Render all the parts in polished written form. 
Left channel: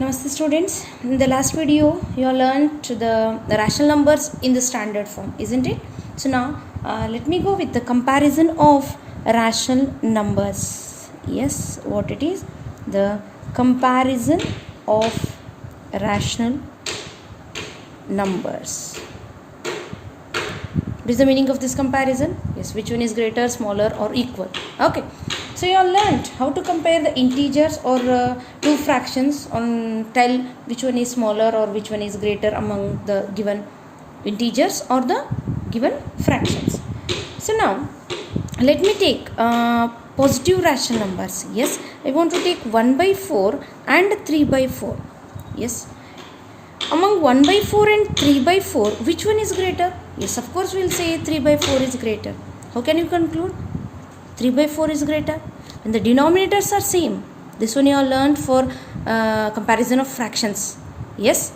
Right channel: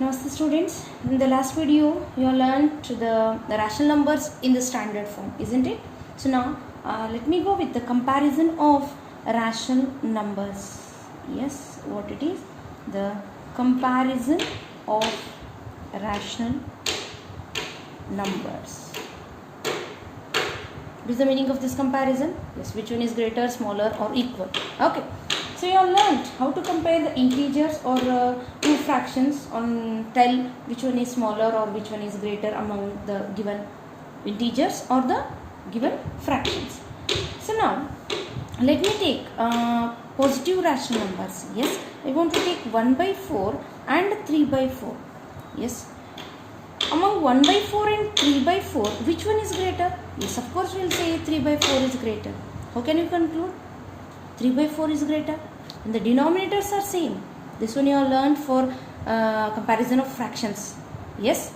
Namaste students. In the last video you learned the rational numbers in the standard form, isn't it? So now let me go with the comparison of rational numbers. Yes, what it is? The comparison of rational numbers. What is the meaning of this comparison? Yes, which one is greater, smaller or equal? Okay. So you all learned how to compare the integers or two fractions and tell which one is smaller or which one is greater among the given integers or the given fractions. So now let me take positive rational numbers. Yes, I want to take 1 by 4 and 3 by 4. Yes, among 1 by 4 and 3 by 4, which one is greater? Yes, of course we will say 3 by 4 is greater. How can you conclude? 3 by 4 is greater, and the denominators are same. This one you have learned for comparison of fractions. Yes,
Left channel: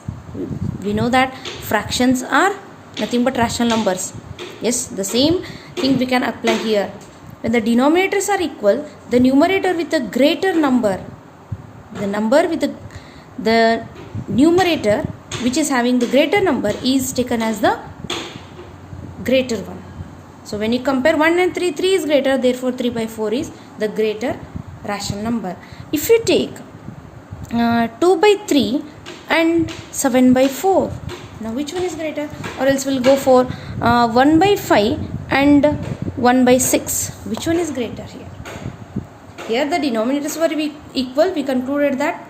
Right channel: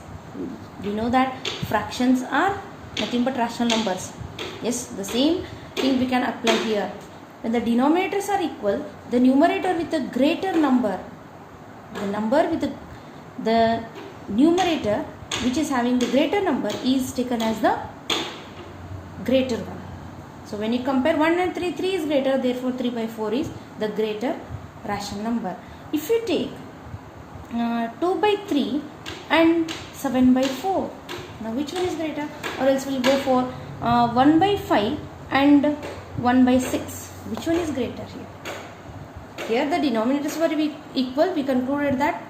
we know that fractions are nothing but rational numbers. Yes, the same thing we can apply here. When the denominators are equal, the numerator with a greater number, the number with the numerator which is having the greater number is taken as the greater one. So when you compare 1 and 3, 3 is greater, therefore 3 by 4 is the greater rational number. If you take 2 by 3 and 7 by 4, now which one is greater? Or else we'll go for 1 by 5 and 1 by 6. Which one is greater here? Here the denominators were equal. We concluded that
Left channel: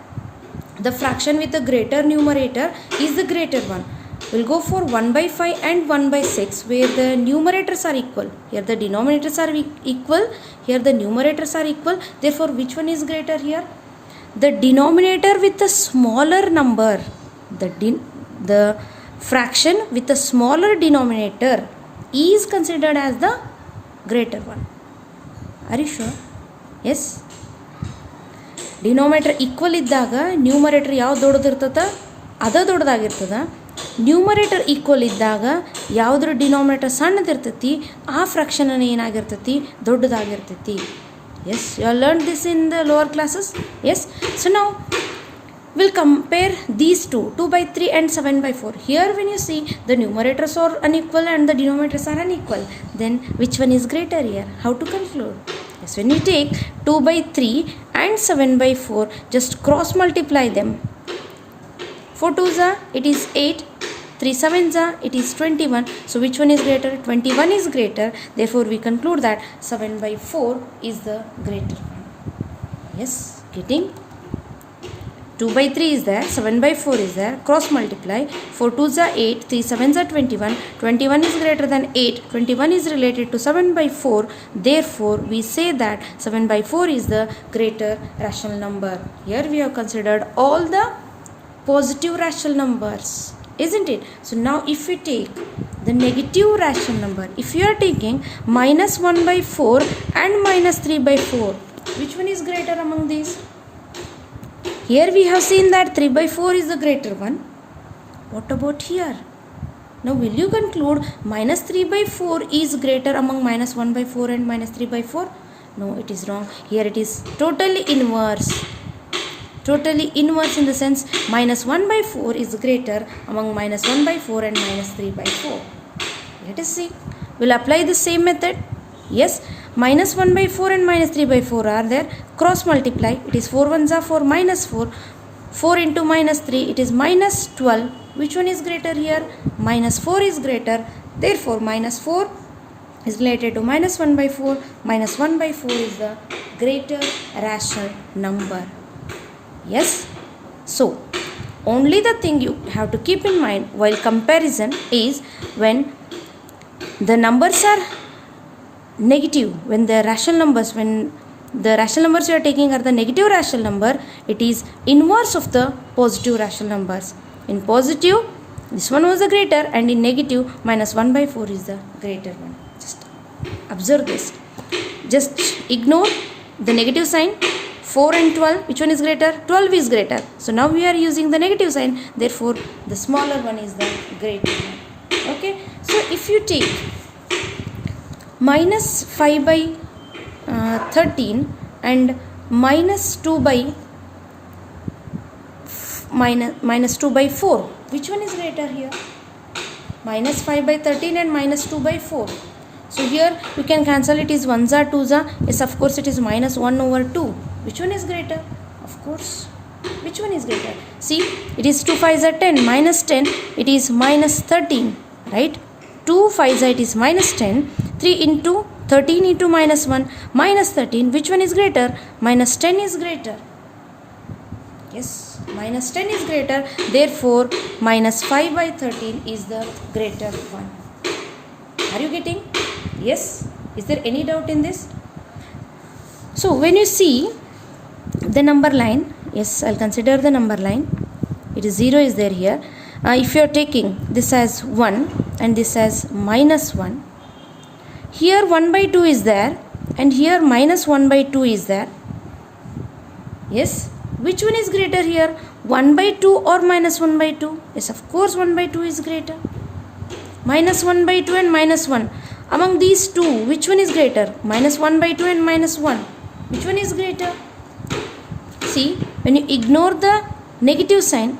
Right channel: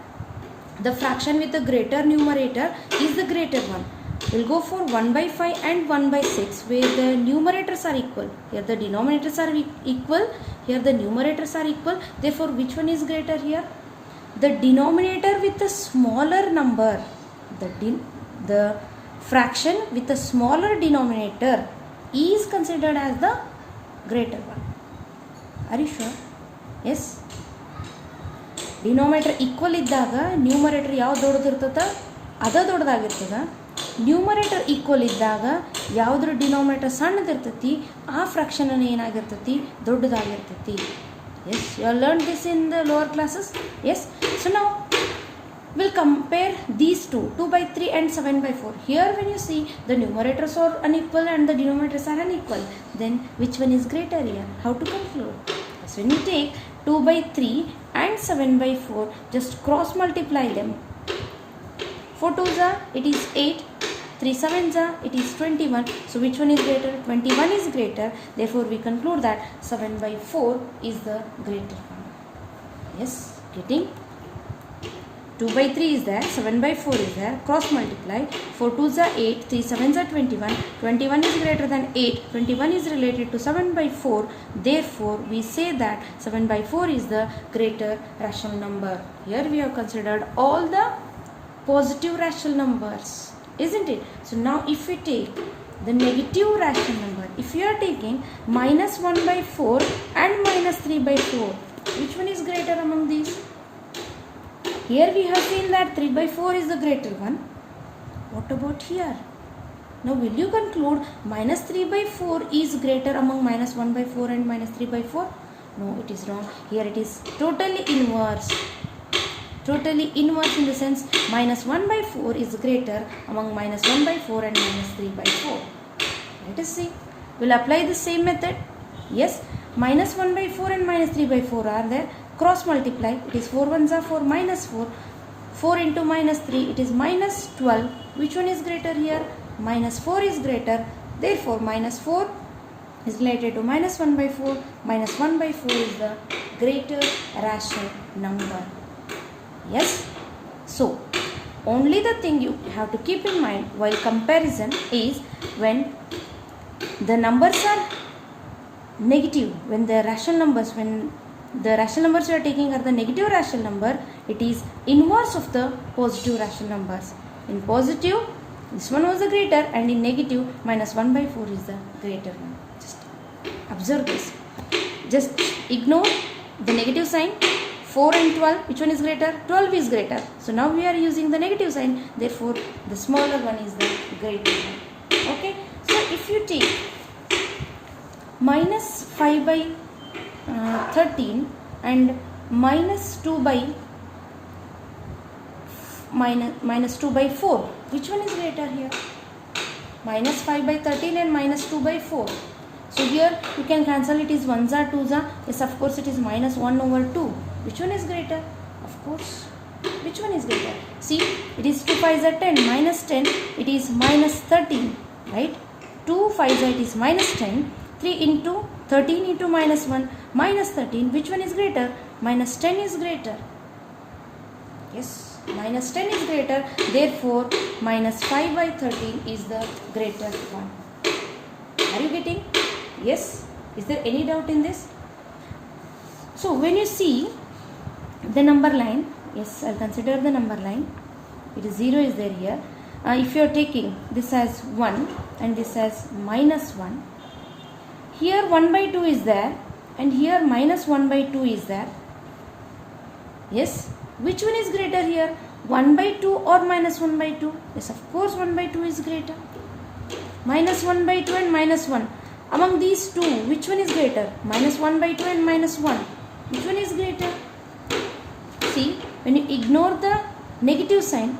the fraction with the greater numerator is the greater one. We'll go for 1 by 5 and 1 by 6 where the numerators are equal. Here the denominators are equal. Here the numerators are equal. Therefore, which one is greater here? The denominator with the smaller number. The fraction with the smaller denominator is considered as the greater one. Are you sure? Yes. Denominator equal iddaga numerator yav dododirtata ada doddagiರ್ತದ. Numerator equal ಇದ್ದಾಗ ಯಾವುದ್ರ denominator ಸಣ್ಣದಿರ್ತೈತಿ ಆ fraction ಏನಾಗಿರ್ತೈತಿ ದೊಡ್ಡದಾಗಿರ್ತೈತಿ. Yes, you are learn this in the lower classes. Yes, so now will compare these two by 3 and 7 by 4. Here when you see the numerators are unequal and the denominators are unequal, then which one is greater here? How to conclude? Yes, when you take 2 by 3 and 7 by 4, just cross multiply them. 4 2s are, it is 8, 3 7s are, it is 21. So which one is greater? 21 is greater. Therefore we conclude that 7 by 4 is the greater one. Yes, getting 2 by 3 is there, 7 by 4 is there, cross multiply. 4 2s are 8, 3 7s are 21. 21 is greater than 8, 21 is related to 7 by 4. Therefore we say that 7 by 4 is the greater rational number. Here we have considered all the positive rational numbers, isn't it? So now if we take the negative rational number, if you are taking minus 1 by 4 and minus 3 by 4, which one is greater among these? Here we have seen that 3 by 4 is the greater one. What about here? Now will you conclude minus 3 by 4 is greater among minus 1 by 4 and minus 3 by 4? No, it is wrong. Here it is totally inverse. Totally inverse in the sense minus 1 by 4 is greater among minus 1 by 4 and minus 3 by 4. Let us see. We'll apply the same method. Yes, minus 1 by 4 and minus 3 by 4 are there. Cross multiply. It is 4 1s are 4 minus 4. 4 into minus 3, it is minus 12. Which one is greater here? Minus 4 is greater. Therefore, minus 4 is related to minus 1 by 4. Minus 1 by 4 is the greater rational number. Yes, so only the thing you have to keep in mind while comparison is when the numbers are negative, when the rational numbers you are taking are the negative rational number, it is inverse of the positive rational numbers. In positive, this one was the greater, and in negative, minus 1 by 4 is the greater one. Just observe this. Just ignore the negative sign. 4 and 12, which one is greater? 12 is greater. So now we are using the negative sign. Therefore, the smaller one is the greater one. Okay. So if you take minus 5 by 13 and minus 2 by minus 2 by 4. Which one is greater here? Minus 5 by 13 and minus 2 by 4. So here you can cancel it is 1s are 2s are. Yes, of course it is minus 1 over 2. Which one is greater? Of course. Which one is greater? See, it is 2 5s are 10. Minus 10, it is minus 13. Right? 2 5s are, it is minus 10. 3 into 13 into minus 1. Minus 13. Which one is greater? Minus 10 is greater. Yes, minus 10 is greater. Therefore, minus 5 by 13 is the greater one. Are you getting? Yes. Is there any doubt in this? So, when you see the number line, yes, I'll consider the number line. It is 0 is there here. If you are taking this as 1 and this as minus 1, here 1 by 2 is there and here minus 1 by 2 is there. Yes. Which one is greater here? 1 by 2 or minus 1 by 2? Yes, of course 1 by 2 is greater. Minus 1 by 2 and minus 1. Among these two, which one is greater? Minus 1 by 2 and minus 1. Which one is greater? See, when you ignore the negative sign,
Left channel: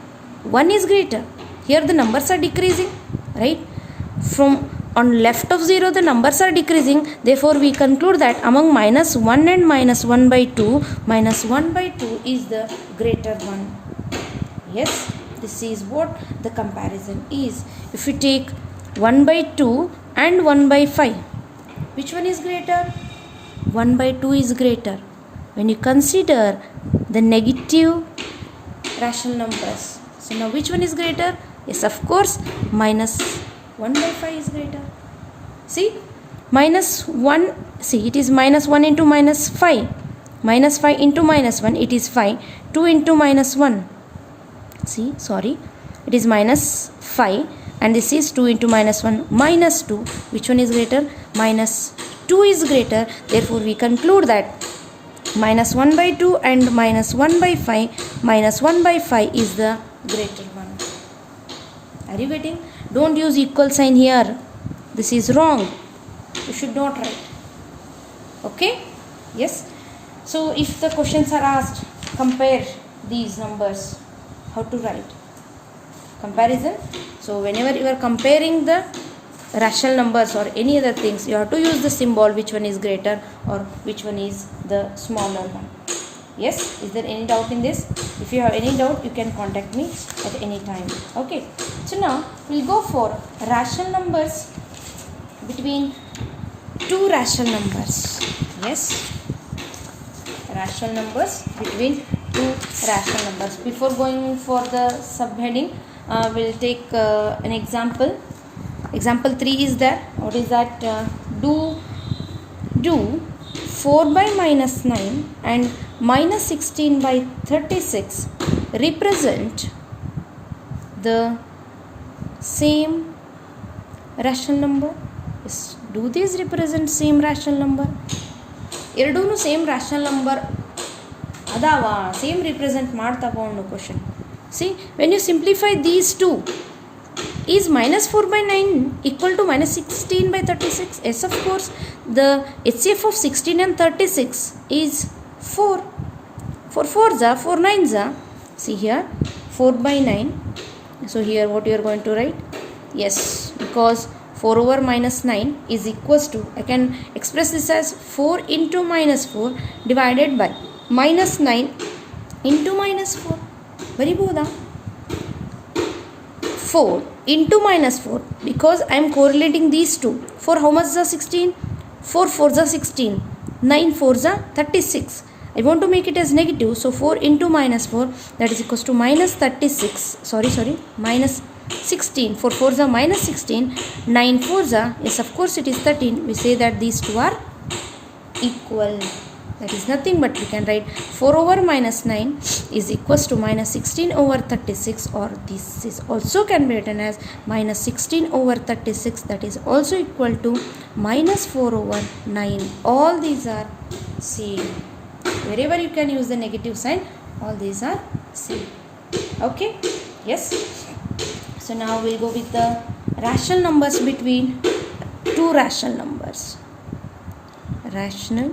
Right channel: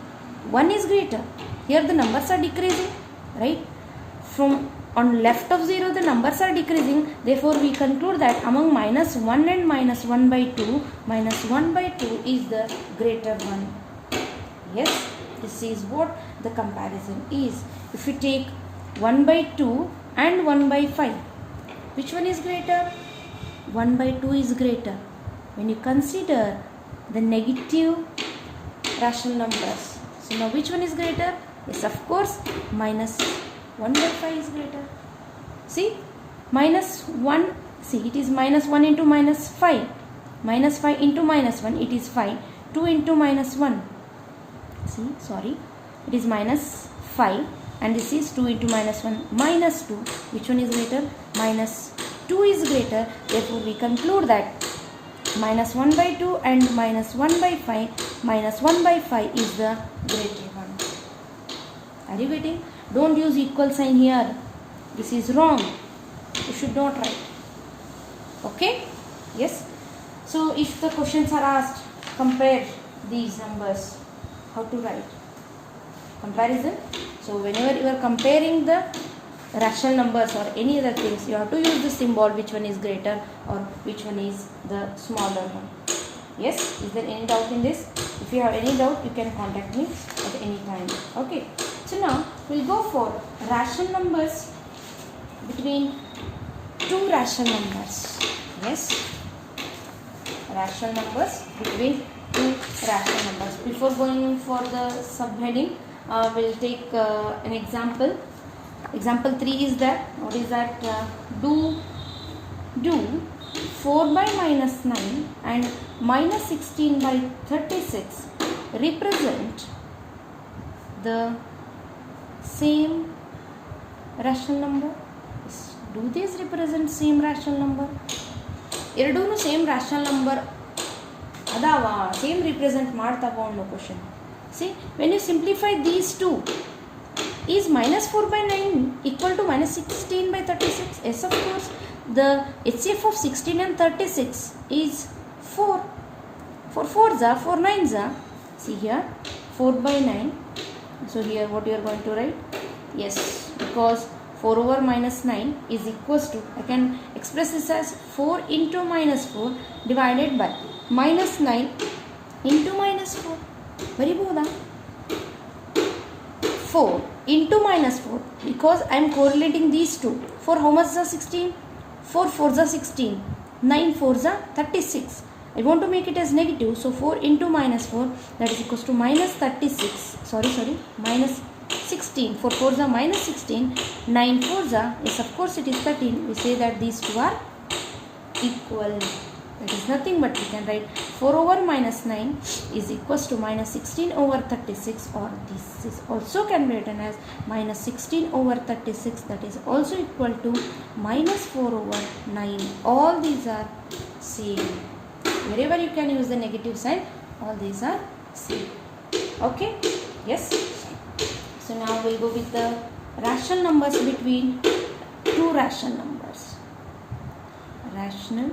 1 is greater. Here the numbers are decreasing, right? From on left of 0, the numbers are decreasing. Therefore, we conclude that among minus 1 and minus 1 by 2, minus 1 by 2 is the greater one. Yes, this is what the comparison is. If you take 1 by 2 and 1 by 5, which one is greater? 1 by 2 is greater. When you consider the negative rational numbers. So, now which one is greater? Yes, of course, minus 1 by 5 is greater. See, minus 1, see, it is minus 1 into minus 5. Minus 5 into minus 1, it is 5. 2 into minus 1. See, sorry, it is minus 5 and this is 2 into minus 1, minus 2. Which one is greater? Minus 2 is greater. Therefore, we conclude that minus 1 by 2 and minus 1 by 5, minus 1 by 5 is the greater one. Are you getting? Don't use equal sign here. This is wrong. You should not write. Okay? Yes? So, if the questions are asked, compare these numbers. How to write? Comparison. So, whenever you are comparing the rational numbers or any other things, you have to use the symbol which one is greater or which one is the smaller one. Yes? Is there any doubt in this? If you have any doubt, you can contact me at any time. Okay. So now we'll go for rational numbers between two rational numbers. Yes. Rational numbers between two rational numbers. Before going for the subheading, we'll take an example. Example 3 is that. What is that? Do 4 by minus 9 and minus 16 by 36 represent the same rational number? Yes. Do these represent same rational number? ಎರಡೂ same rational number ಅದಾವ, ಸೇಮ್ represent ಮಾಡ್ತಾವ ಅನ್ನೋ question. See, when you simplify these two, is minus 4 by 9 equal to minus 16 by 36? Yes, of course. The HCF of 16 and 36 is 4. 4 4s are 4 9s are. See here, 4 by 9. So here what you are going to write? Yes, because 4 over minus 9 is equals to, I can express this as 4 into minus 4 divided by minus 9 into minus 4. Very good. 4 into minus 4, because I am correlating these two. 4 how much is 16? 4 4s are 16. 9 4s are 36. I want to make it as negative. So 4 into minus 4, that is equals to minus 36. Sorry, minus 16. 4 4s are minus 16. 9 4s are, yes, of course it is 13. We say that these two are equal. That is nothing but we can write 4 over minus 9 is equals to minus 16 over 36, or this is also can be written as minus 16 over 36, that is also equal to minus 4 over 9. All these are same. Wherever you can use the negative sign, all these are same. Okay? Yes? So now we'll go with the rational numbers between two rational numbers. Rational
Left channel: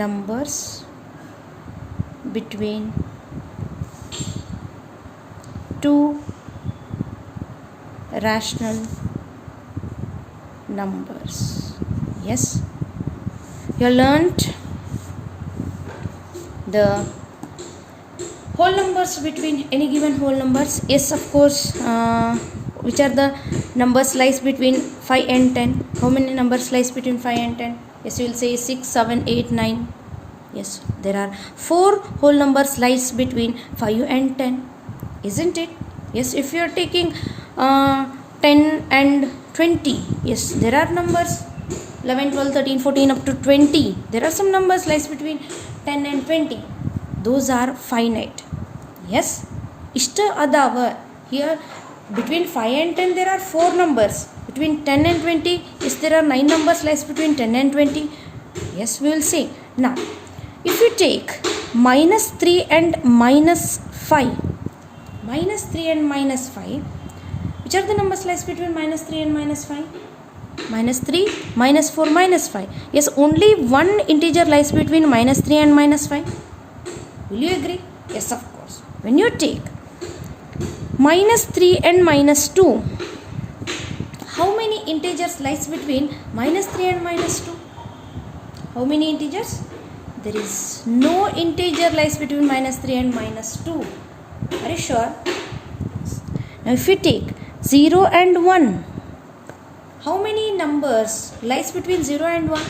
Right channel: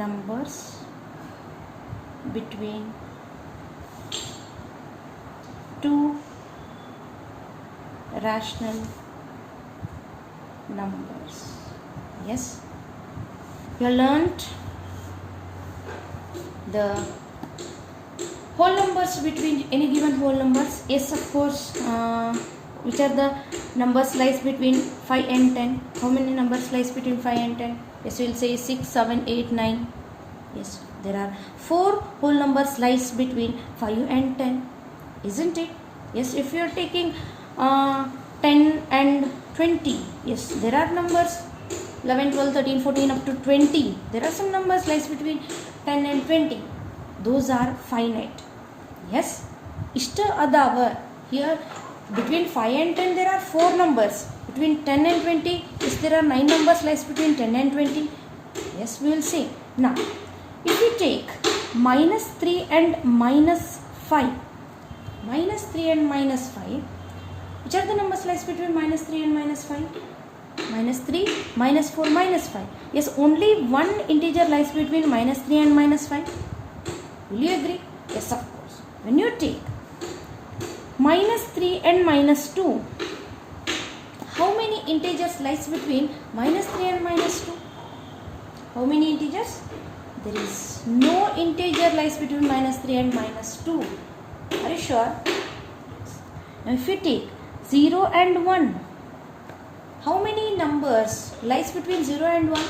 numbers between two rational numbers. Yes, you learnt the whole numbers between any given whole numbers. Yes, of course. Which are the numbers lies between 5 and 10? How many numbers lies between 5 and 10? Yes, we will say 6, 7, 8, 9. Yes, there are 4 whole numbers lies between 5 and 10. Isn't it? Yes, if you are taking 10 and 20. Yes, there are numbers 11, 12, 13, 14 up to 20. There are some numbers lies between 10 and 20. Those are finite. Yes, ishta adava. Here between 5 and 10 there are 4 numbers. Between 10 and 20, yes, there are 9 numbers lies between 10 and 20. Yes, we will see. Now, if you take minus 3 and minus 5, minus 3 and minus 5, which are the numbers lies between minus 3 and minus 5? Minus 3, minus 4, minus 5. Yes, only one integer lies between minus 3 and minus 5. Will you agree? Yes, of course. When you take minus 3 and minus 2, how many integers lies between minus 3 and minus 2? How many integers? There is no integer lies between minus 3 and minus 2. Are you sure? Now if you take 0 and 1, how many numbers lies between 0 and 1?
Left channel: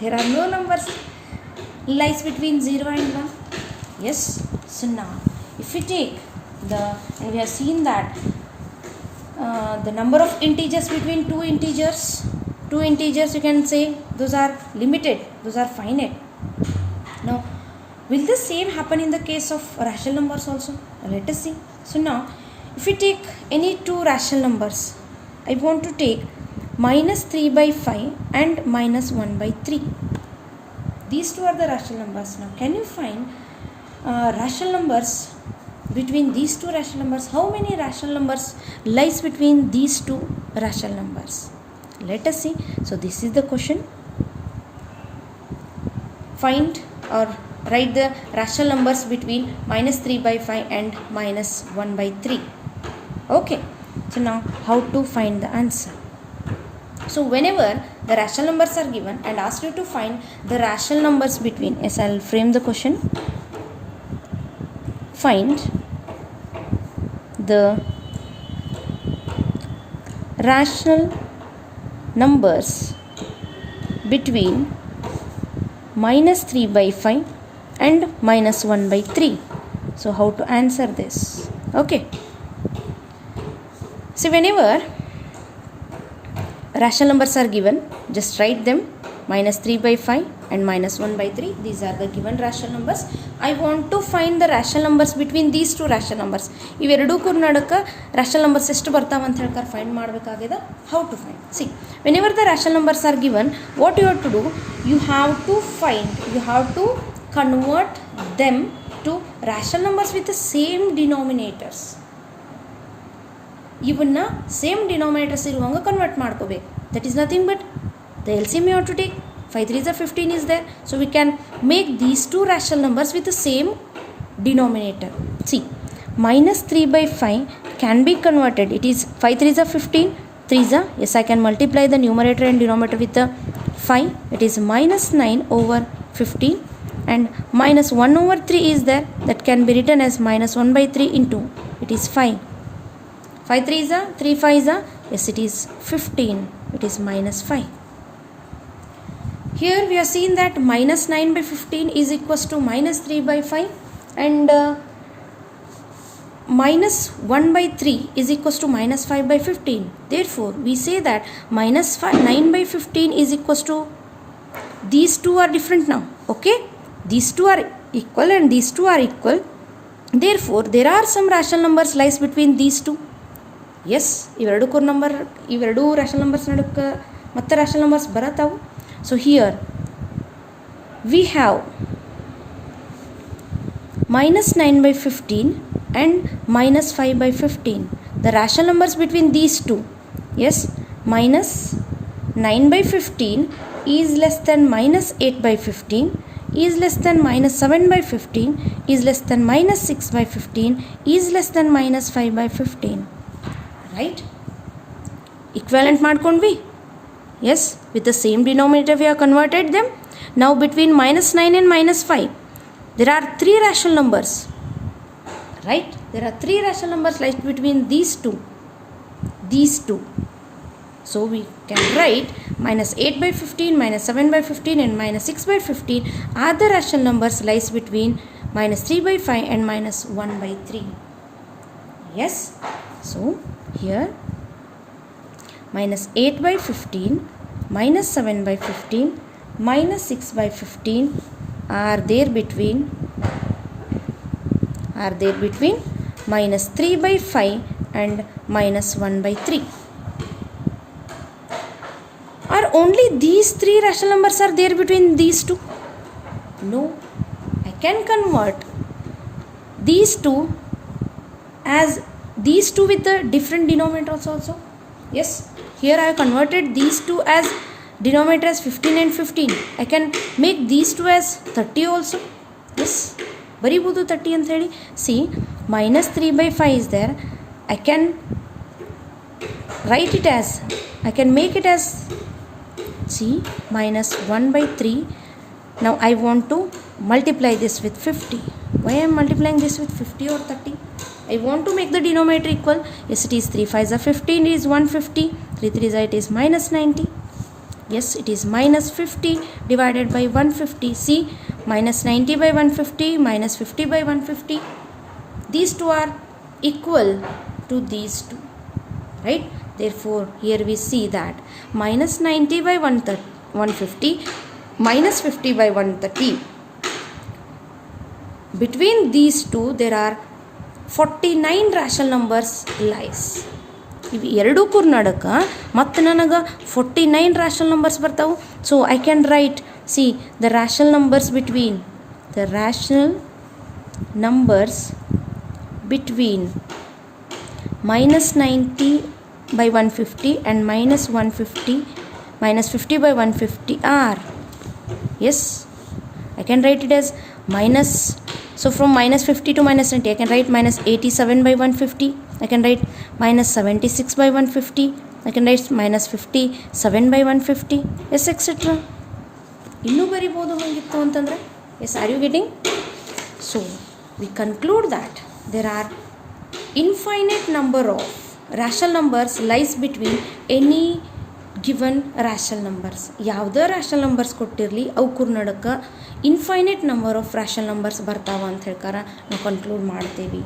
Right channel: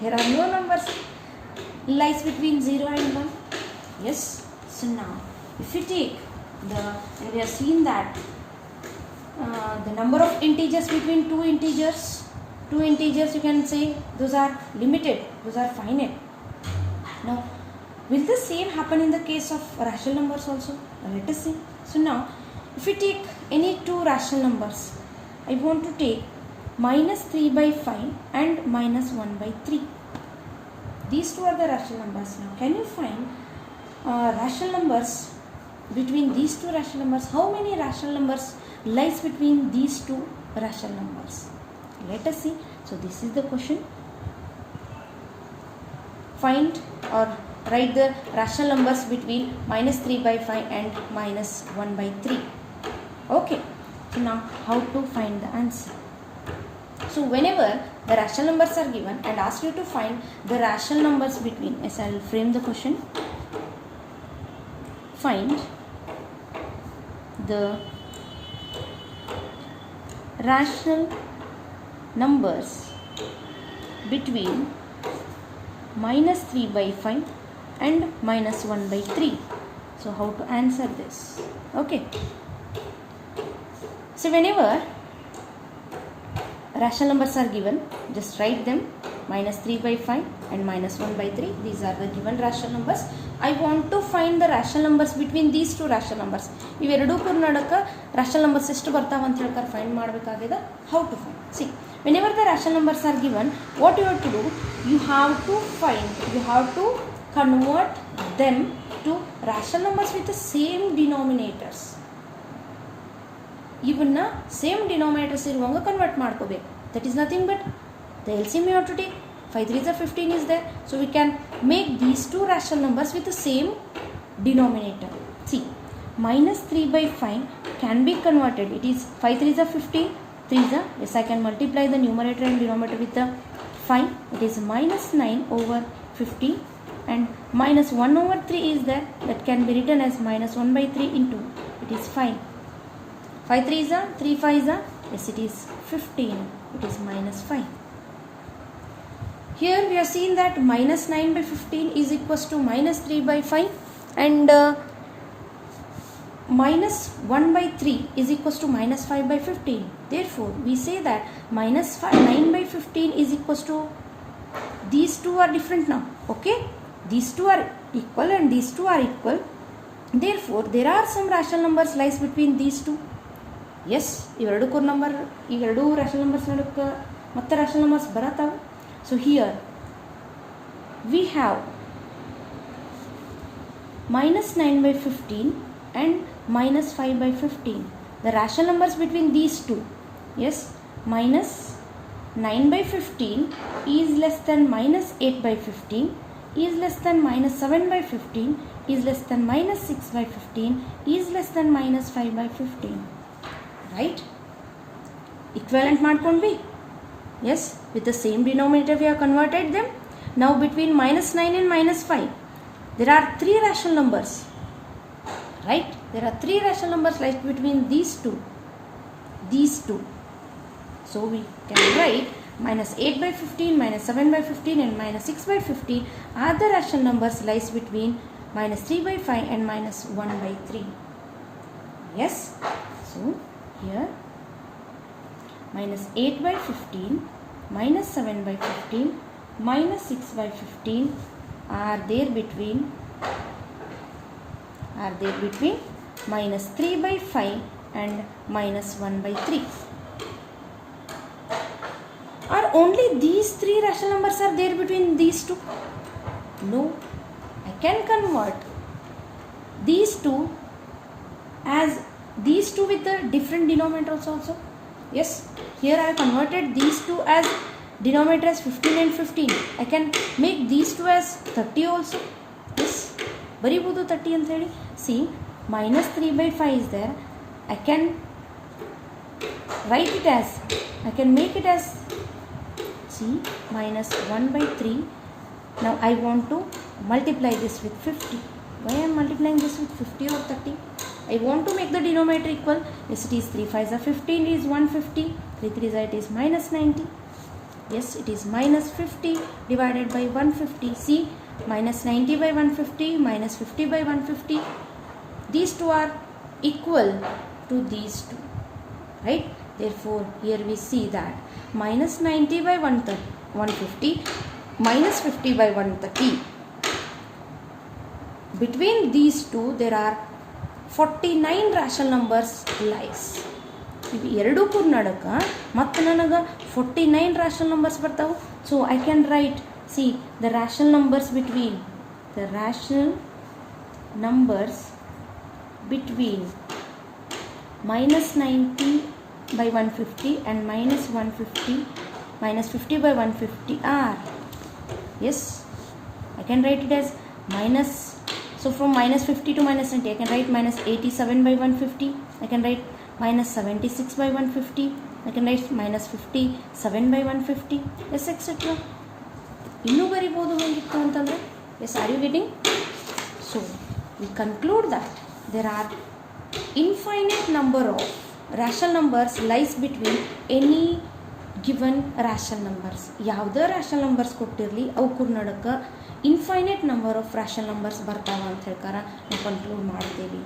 There are no numbers lies between 0 and 1. Yes. So now if you take and we have seen that the number of integers between two integers you can say those are limited, those are finite. Now will the same happen in the case of rational numbers also? Let us see. So now if you take any two rational numbers, I want to take minus 3 by 5 and minus 1 by 3. These two are the rational numbers. Now can you find rational numbers between these two rational numbers? How many rational numbers lies between these two rational numbers? Let us see. So this is the question. Find or write the rational numbers between minus 3 by 5 and minus 1 by 3. Okay. So now how to find the answer? So whenever the rational numbers are given and ask you to find the rational numbers between, yes, I will frame the question. Find the rational numbers between minus 3 by 5 and minus 1 by 3. So how to answer this? Okay. So whenever rational numbers are given, just write them minus 3 by 5 and minus 1 by 3. These are the given rational numbers. I want to find the rational numbers between these two rational numbers. ಇವೆರಡೂ Karnataka rational numbers ಎಷ್ಟು ಬರ್ತಾವೆ ಅಂತ ಹೇಳ್ತಾರೆ find ಮಾಡಬೇಕಾಗಿದೆ. How to find? See, whenever the rational numbers are given, what you have to do? You have to convert them to rational numbers with the same denominators. ಇವನ್ನ same denominators ಇರುವಂಗೆ convert ಮಾಡ್ಕೋಬೇಕು. That is nothing but the LCM you have to take. 5 3s are 15 is there. So we can make these two rational numbers with the same denominator. See, minus 3 by 5 can be converted. It is 5 3s are 15. 3s are, yes, I can multiply the numerator and denominator with the 5. It is minus 9 over 15. And minus 1 over 3 is there. That can be written as minus 1 by 3 into. It is 5. 5 3s are, 3 5s are. Yes, it is 15. It is minus 5. Here we have seen that minus 9 by 15 is equals to minus 3 by 5 and minus 1 by 3 is equals to minus 5 by 15. Therefore, we say that minus 9 by 15 is equals to, these two are different now. Okay, these two are equal and these two are equal. Therefore, there are some rational numbers lies between these two. Yes, ಇವೆರಡು rational numbers ನಡುಕ್ಕೆ ಮತ್ತೆ rational numbers ಬರತ್ತಾವು. So here we have minus 9 by 15 and minus 5 by 15. The rational numbers between these two. Yes, minus 9 by 15 is less than minus 8 by 15. is less than minus 7 by 15, is less than minus 6 by 15, is less than minus 5 by 15. Right? Equivalent ಮಾಡ್ಕೊಂಡ್ವಿ? Yes, with the same denominator we have converted them. Now between minus 9 and minus 5, there are 3 rational numbers. Right? There are 3 rational numbers like between these two. So we can write minus 8 by 15, minus 7 by 15 and minus 6 by 15 are the rational numbers lies between minus 3 by 5 and minus 1 by 3. Yes? So here minus 8 by 15, minus 7 by 15, minus 6 by 15 are there between minus 3 by 5 and minus 1 by 3. Are only these 3 rational numbers are there between these two? No. I can convert these two as these two with the different denominators also. Yes. Here I have converted these two as denominator as 15 and 15. I can make these two as 30 also. Yes. ಬರಿಬೋದು 30 ಅಂತ ಹೇಳಿ. See, minus 3 by 5 is there. I can write it as, I can make it as, see, minus 1 by 3. Now I want to multiply this with 50. Why I am multiplying this with 50 or 30? I want to make the denominator equal. Yes, it is 3 5s are 15, it is 150. 3 3s are, it is minus 90. Yes, it is minus 50 divided by 150. See, minus 90 by 150, minus 50 by 150. These two are equal to these two. Right? Therefore, here we see that minus 90 by 150, minus 50 by 130. Between these two, there are 49 rational numbers lies. ಇವು ಎರಡೂ ನಡಕ ಮತ್ತು ನನಗೆ 49 rational numbers ಬರ್ತಾವೆ. So I can write, see, the rational numbers between minus 90 by 150 and minus 150, minus 50 by 150 are, yes, I can write it as minus, so from minus 50 to minus 90, I can write minus 87 by 150, I can write minus 76 by 150, I can write minus 57 by 150, yes, etc. ಇನ್ನೂ ಬರಿಬೋದು ಹಂಗಿತ್ತು ಅಂತಂದರೆ. Yes, are you getting? So we conclude that there are infinite number of rational numbers lies between any given rational numbers. ಯಾವುದೇ rational numbers ಕೊಟ್ಟಿರಲಿ ಅವಕ್ಕೂ ನಡಕ್ಕೆ infinite number of rational numbers ಬರ್ತಾವೆ ಅಂತ ಹೇಳ್ಕಾರ ನಾವು ಕನ್ಕ್ಲೂಡ್ ಮಾಡ್ತೀವಿ.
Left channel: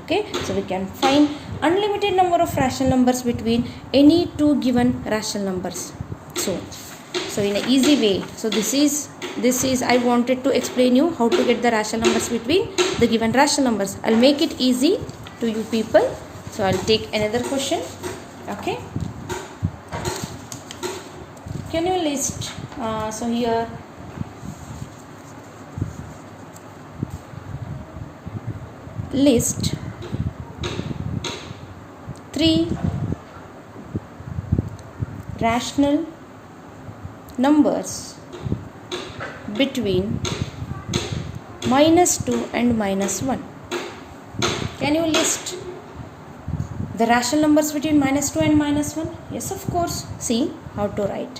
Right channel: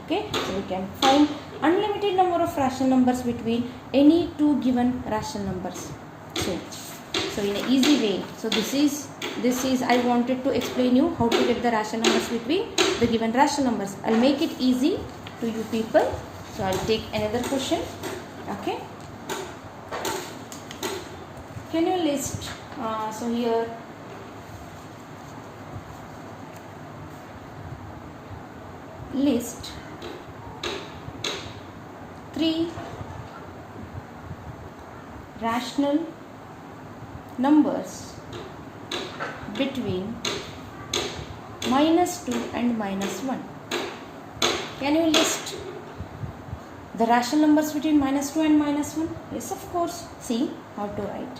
Okay, so we can find unlimited number of rational numbers between any two given rational numbers. So in an easy way, so this is I wanted to explain you how to get the rational numbers between the given rational numbers. I'll make it easy to you people. So I'll take another question. Okay, can you list so here list 3 rational numbers between minus 2 and minus 1. Can you list the rational numbers between minus 2 and minus 1? Yes, of course. See how to write.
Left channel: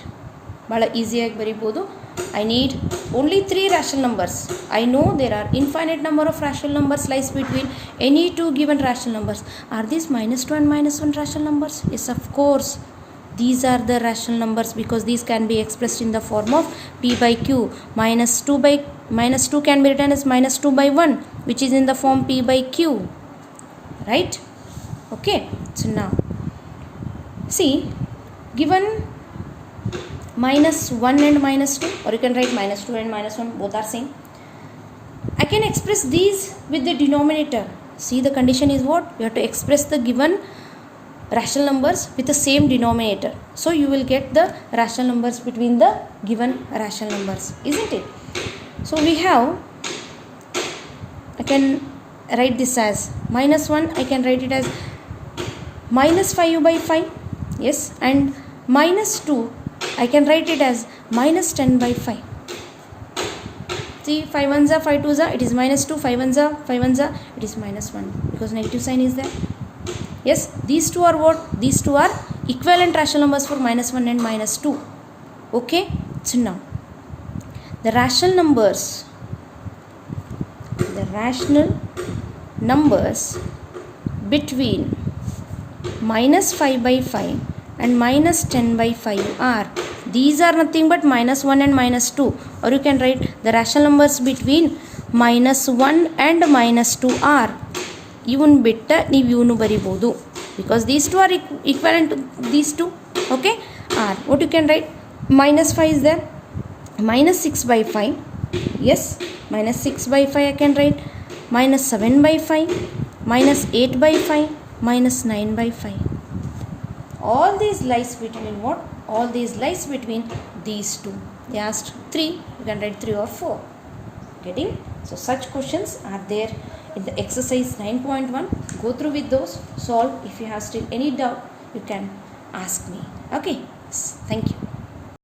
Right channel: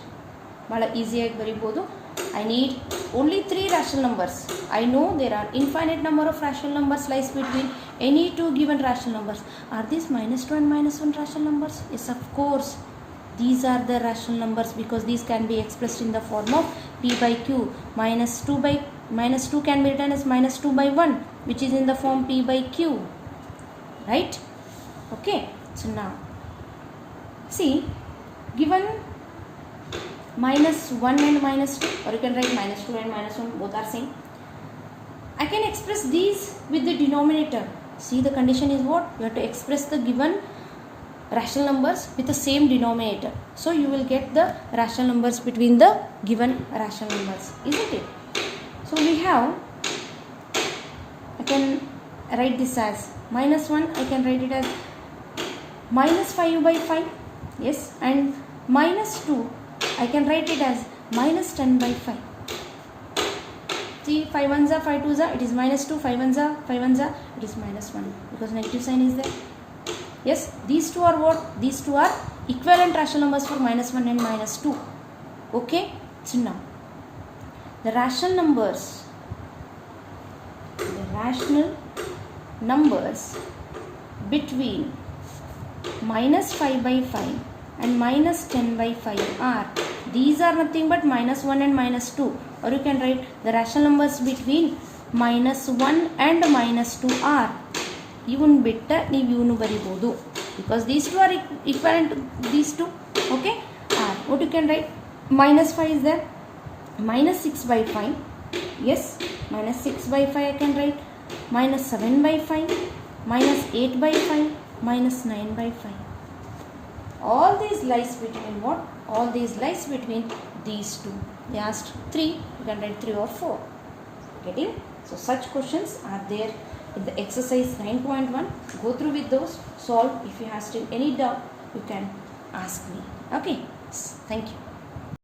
Bala easy agi baribodu. I need only 3 rational numbers. I know there are infinite number of rational numbers lies between any two given rational numbers. Are these minus 2 and minus 1 rational numbers? Yes, of course. These are the rational numbers because these can be expressed in the form of p by q. Minus 2 can be written as minus 2 by 1, which is in the form p by q. Right? Okay. So now, see, given minus 1 and minus 2, or you can write minus 2 and minus 1, both are same. I can express these with the denominator. See, the condition is what? You have to express the given rational numbers with the same denominator. So you will get the rational numbers between the given rational numbers, isn't it? So we have, I can write this as minus 1, I can write it as minus 5 by 5. Yes, and minus 2, I can write it as minus 10 by 5. 3, 5 ones are 5 twos are, it is minus 2, 5 ones are, 5 ones are, it is minus 1 because negative sign is there. Yes, these two are what? These two are equivalent rational numbers for minus 1 and minus 2. Okay, so now the rational numbers between minus 5 by 5 and minus 10 by 5 are, these are nothing but minus 1 and minus 2, or you can write the rational numbers between minus 1 and minus 2 are, ಇವನ್ ಬಿಟ್ಟ ನೀವು ಇವನು ಬರಿಬೋದು because these two are equivalent to these two. Okay, are what you can write, minus 5 is there, minus 6 by 5, yes, minus 6 by 5 I can write, minus 7 by 5, minus 8 by 5, minus 9 by 5. All these lies between what? All these lies between these two. They asked 3, you can write 3 or 4. Getting? So such questions are there in the exercise 9.1. Go through with those, solve. If you have still any doubt, you can ask me. Okay, thank you.